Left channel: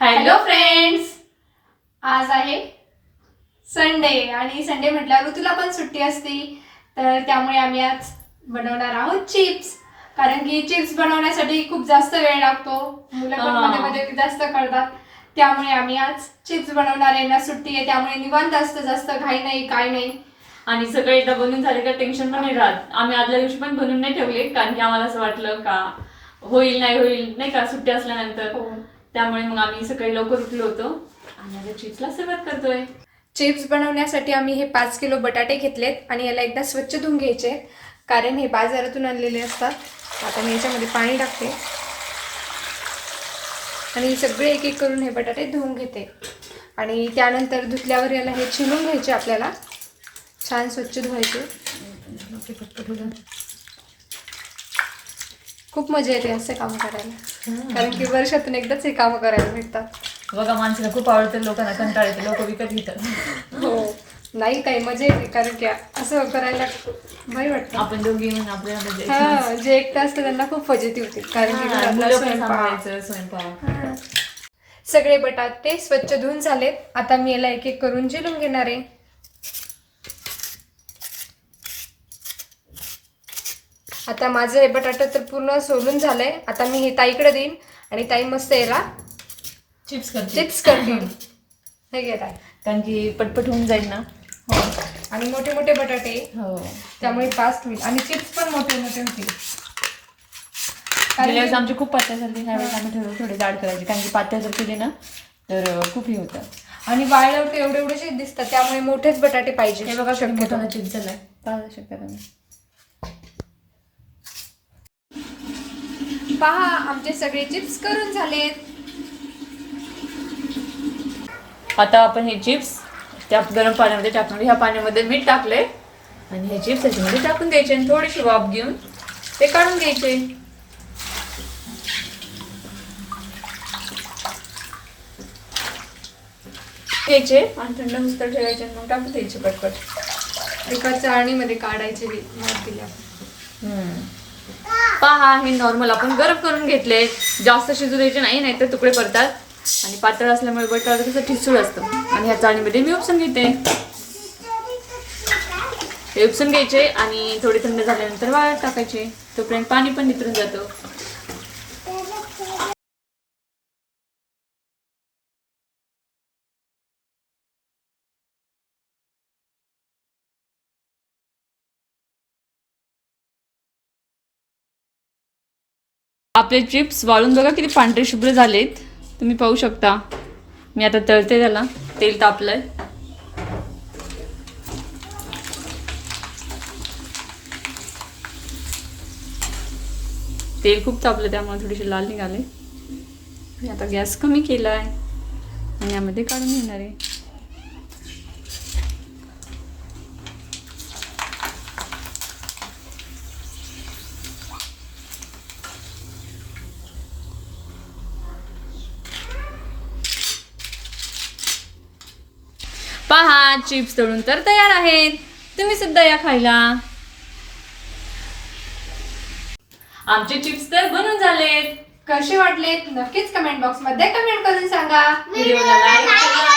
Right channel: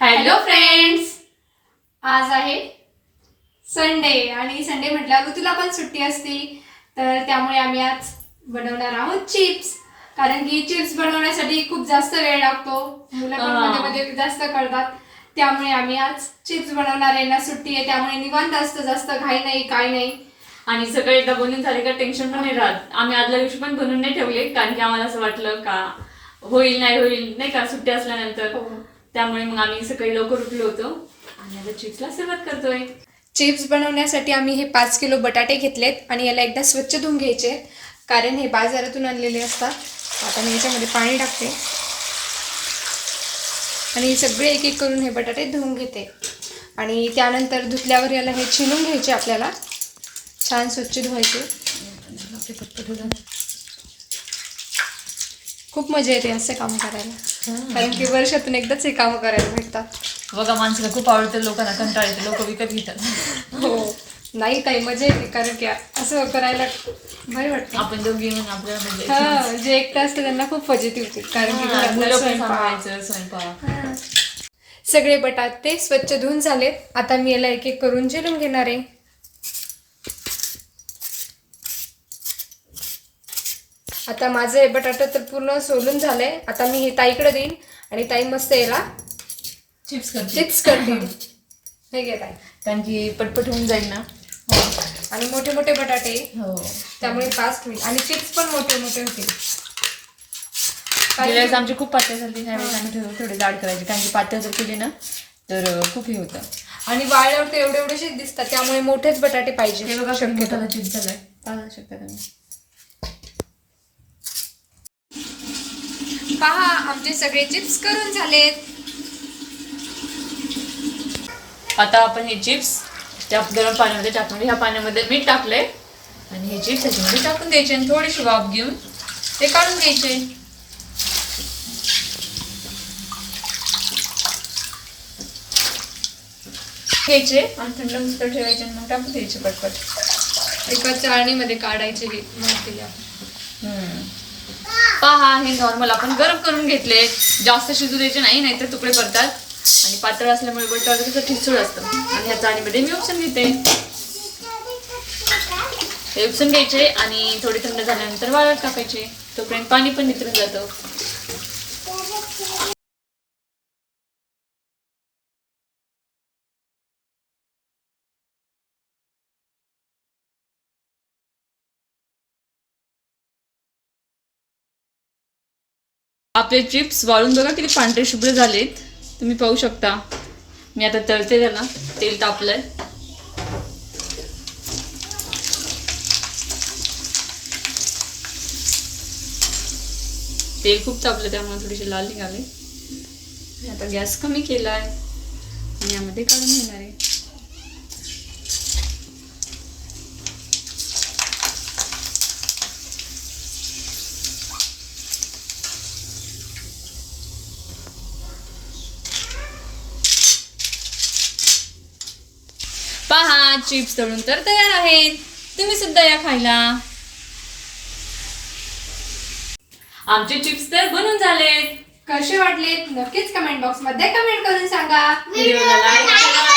Hello friends आज आहे Sunday आणि संडे म्हटल्यावर ऋतूला पण सुट्टी असती. तर त्यामुळे आम्ही आज बनवणार आहोत चिप्स कारण की चिप्स बनवण्यासाठी खूप जास्त वेळ लागतो. मुलं पण हा. मध्ये मध्ये जास्त करतात. त्यामुळे आम्ही आज चिप्स बनवणार आहे. ना सुट्टी आहे. त्यामुळे निवांत असतं जास्त घाई नाही काय नाही. आणि सगळं एकदा बनवून झाले का टेन्शन पण नाही राहत. आम्ही आदल्या दिवशी पण बनवून नाही ठेवले. कारण की आम्हाला असं वाटलं का होईल नाही होईल नाही का? सुट्टी असल्यानंतर. हो. त्यामुळे मग आम्ही सकाळी लवकर उठलो होतो. आणि आता चिप्सला सुरुवात करतोय. चिप्स बनवण्यासाठी आम्ही हे पाच किलो बटाटे घेतलेत आणि याला एकदा स्वच्छ धुवून घ्यायचे. कारण हे बाजारातून आणलेले असतात. आता मी याच्यामध्ये पाणी टाकते. आणि सगळे एक एक करून हे बटाटे धुवून घेते. आणि त्यानंतर धुतल्यावर याला हे छिलून घ्यायचे आपल्याला. छान स्वच्छ धुवायचे. खूप मजा येते असे काम करायला. कारण की वर्षातून एकदाच हे कामं करायला भेटतात. बघा माणसाला खूप आवडतं लोकांना कंटाळ येते लोक विकत घेतात. हो. नाही काही मजा येते कारण की असं करायला भारी वाटतं. आपण दोघी म्हणजे हा जे एकटं असतं त्यांना खूप फजिती होते कारण की. सगळे बटाटे स्वच्छ धुवून झालेत. आता मी याला एक एक करून जिरून घेणार आहे. आता माझं हे बटाटा तर पूर्ण सोलून झालंय. आता मी हे ताईकडे देईन आणि ताई मस्त याला चिप्स करते चिप्स करतील. हे घे ताई. कारण की पटपट होऊन जाईल ना. हो. आणि मोठे मोठे बटाटे. हो. त्यामुळे फास्ट होईल. आणि चिप्स पण मोठे मोठे होतील. गेल्या वेळेस आमची खूप पातळ झाली. ह्या वेळेस आम्ही ठरवलं थोडे जाड करायचे. कारण की पातळ जर केले ना तर खूप हे होतं. आणि वाळल्यावर ते एवढे एवढेसे दिसतात. त्यामुळे मोठेच बटाटे पाहिजे. हे बघा शक्यतो. चिप्स झालाय पाहू शकता तुम्ही. पहा आमचे सगळे चिप्स करून झालेत. आता आपण हे चिप्स त्या गरम पाण्यामध्ये टाकणार ह्या पाण्यामध्ये मीठ टाकलंय आणि हे चिप्स त्याच्यामध्ये टाकून द्यायचे आणि थोडीशी वाफ घेऊन ते काढून घ्यायचे. घ्यायचे आणि थंड मुस्तर ठेवायचे आणि मग टाकून द्यायचे पटपट. एका चाळणीमध्ये काढायचे हे आहे. हम्म. पहा हे नॉर्मल आपण गरम करून घेतले. जास्त शिजू द्यायचे नाही नाहीतर तुकडे पडतात आणि पातळ असल्यामुळे बटर कसं ठिसूळ असतं. आणि ह्या चाळणीमध्ये मी उपसून घेते. हे उपसून घ्यायचे आणि थोडे थंड झाल्यानंतर वाळत टाकायचे. तोपर्यंत पाणी पण नितरून जातं. आपले चिप्स वाळून बघा किती पांढरे शुभ्र झालेत. तुम्ही पाहू शकता. मी आता तळते त्याला. तेल तापलंय. तेल खूप तापलं त्यामुळे थोडीशी लाल निघाले. मी आता गॅस कमी केलाय. आणि यामध्ये काढून घेणार आहे? पहा चिप्स तळून तर तयार आहेत. तुम्ही सुद्धा या खायला. आमचे चिप्स तर बनून झालेत. कसे वाटले नक्कीच कमेंट बॉक्समध्ये कमेंट करून सांगा. व्हिडिओला लाईक करा.